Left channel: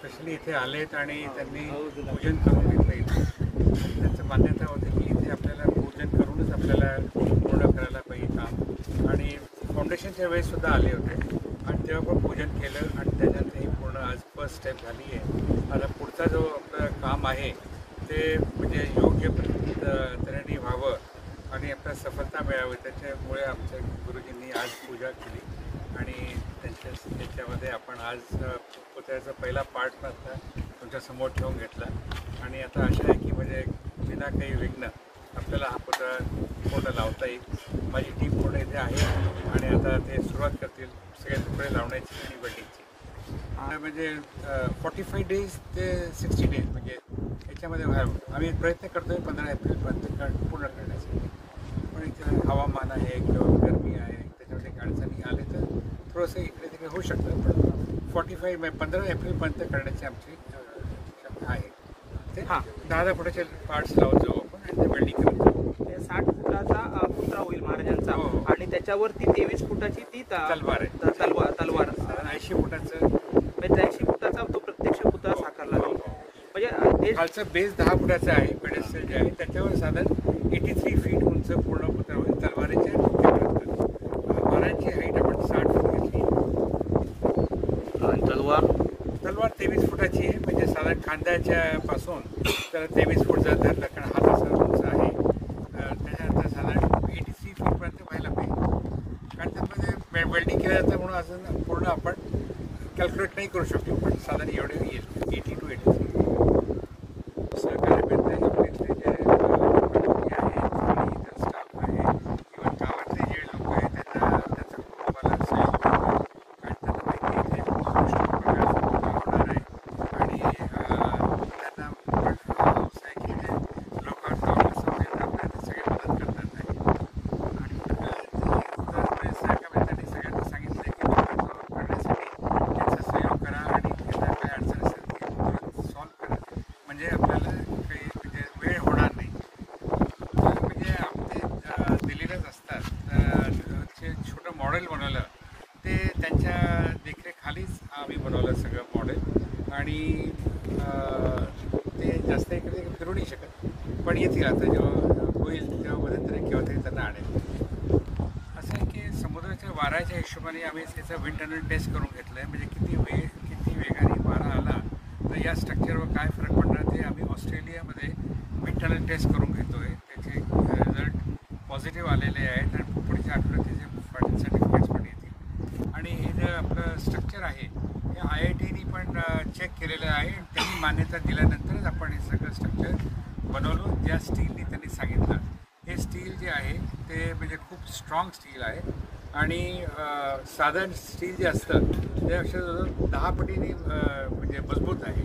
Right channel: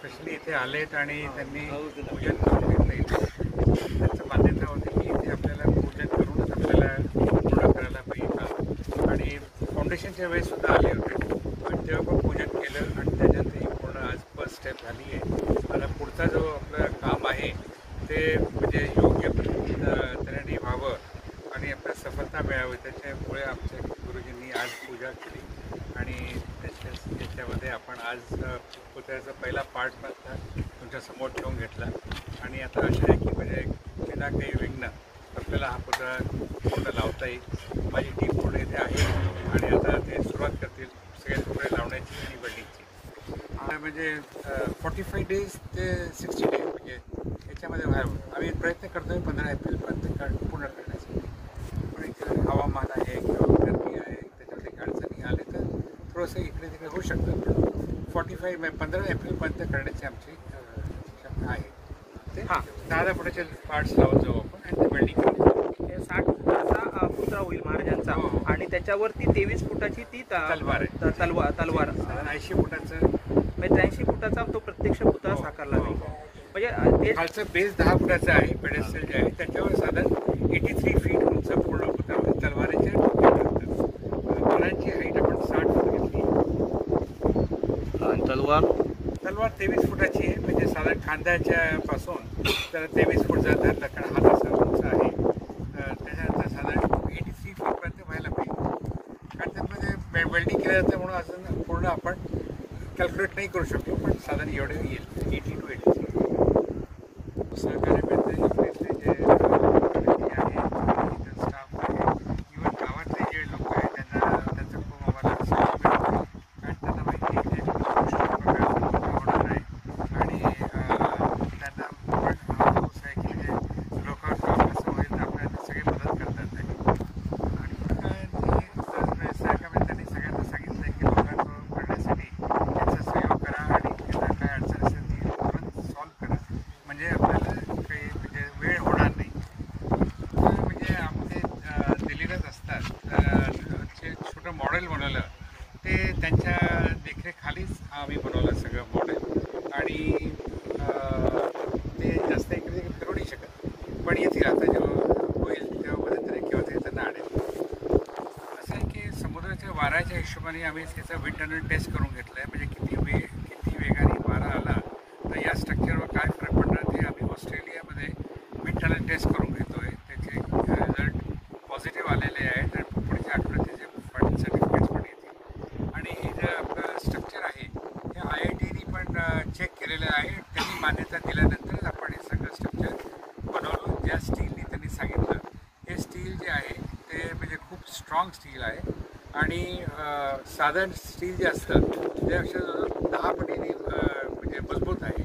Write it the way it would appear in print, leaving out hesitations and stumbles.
Specially इथे आलेत आणि त्यांनी पूजन करून घेतलं इथे. त्यांचं मान्यता होती की इथे आपल्याला पूजन करूनच आपल्याला पूर्ण करायला पाहिजे काम. आणि फाउंडेशनच्या वेळेस सुद्धा आले होते आणि तेव्हा पण पूजन केलं आणि त्याच्यात ही पूर्ण आज फर्स्ट स्टेप झाली आहे. आता पुढचा जो आपलं काम आहे ते म्हणजे योग्य तऱ्हेने व्हावं आणि आपल्याला सफलता मिळावी, त्याच्यामुळे आमच्या गुरुजींनी आज पूजा केली आणि त्याच्यामध्ये आपण आज पुतळ्याचा पहिला पार्ट मात्र तुमच्या समोर ठेवून घेतला. आणि आता अशा आहे की म्हणजे बिना काही विघ्न आपल्याला हा पुतळा पूर्ण लावता येईल. माझी टीम पूर्ण इथे आहे आणि आता ते सुरुवात करतील सगळे तुकडे लावण्याची आणि वेल्डिंगची. म्हणजे 45 days ते 60 days म्हणजे याच्यामध्ये व्हावं आम्ही प्रयत्न करतो आहे 15 एप्रिलपर्यंत पूर्ण करण्यासाठी. पण इथे हवामान आहे किंवा गरमी आहे त्याच्यामध्ये अडचणी आले तर थोडंसं इकडे तिकडे होऊ शकतं. पण 15 एप्रिलपर्यंत करण्याची आमची आहे. ते 10 फुटाचे पार्ट्स लावून जाऊ आपण आणि ते वेल्डिंग करू. 60 फुटाचा पुतळा होईल महाराजांचा आणि त्याच्यावरती 23 फुटाची ती तलवार आहे. तलवार साधारण 80 फुटाचं 83 फुटाचा तो प्रत्यक्ष पुतळा साकारला जाईल. म्हणजे खालचं बेस 10 फुटाचा आहे. पेडेस्टल जे आहे त्याच्यावर साधारण 83 फीट उंच पूर्ण पुतळा होईल तलवारीच्या टोकापर्यंत. महाराजांची हाईट आपण 60 फूट घेतली. तलवार 23 फुटाची आहे. म्हणजे साधारण खांद्याच्या पासून तर 23 फूट जर धरलं कारण हा तसा उंच आहे. त्याच्यानंतर साधारण 83 फूटपर्यंत व्हायला पाहिजे. कारण त्यामध्ये वेल्डिंग केलं जातं म्हणून अजून पूर्ण आपण कॅल्क्युलेट नाही करू शकतो. पण साधारण एवढे येईल 80 to 83. सहकार्य मिळते आपले इथले जे आहे स्टाफ आहे किंवा गावातले जे लोक आहेत त्यांना त्याचं खूप आम्हाला सहयोग मिळतो. कारण त्यांना माहिती आहे की होणार आहे आणि त्यांना पण व्यवसाय की लोकांना कसं होईल आपल्याला सगळे मदत करतात. आणि सहकार्याने त्यांनी सगळ्यांना सांगितलं की लोकांना करण्यासाठी याचा सहयोग करा आणि त्यांना काय अडचण असेल ती सॉल्व्ह करा म्हणजे आपल्याला काही म्हणजे वेळ होणार नाही. म्हणजे आपले दिल्लीलाच असतात जे छोटं मॉडेल बनवलं ते त्यांच्या देखरेखालीच आम्ही बनवलं सगळं मॉडेल. आणि ते जास्त इकडे फिरू नाही शकत पण येतील आता जेव्हा होईल तेव्हा मध्यंतरी किंवा ते त्यांना आणेल. असं आहे की समुद्राच्या वाऱ्याच्या हिशोबाने आम्ही त्याचं विंड टनल टेस्ट करून घेतलं आहे. म्हणजे किती वेगाने वारा आला तर या स्ट्रक्चरवर काय फरक पडणार ते आम्ही ऑस्ट्रेलियामध्ये विंड टनल टेस्ट करून घेतो आहे. त्याचे रिझल्ट पॉझिटिव्ह आलेले आहेत आणि पुढच्या आठवड्यात त्याचे सर्टिफिकेट्स पण येतील. आणि हे जे आपलं स्ट्रक्चर आहे हे IITनी पण चेक केलेलं आहे. त्यांनी मान्यता दिल्यानंतरच आपण हे सगळं स्ट्रक्चर बनवलं ज्या स्टीलनी त्यांनी सांगितलं. हे स्टील जे आहे ते म्हणजे खूप स्ट्रॉंग स्टील आहे आणि साधारण स्टील जे असतं ते अक्षरशः 10 पटीने म्हणजे मजबूत आहे.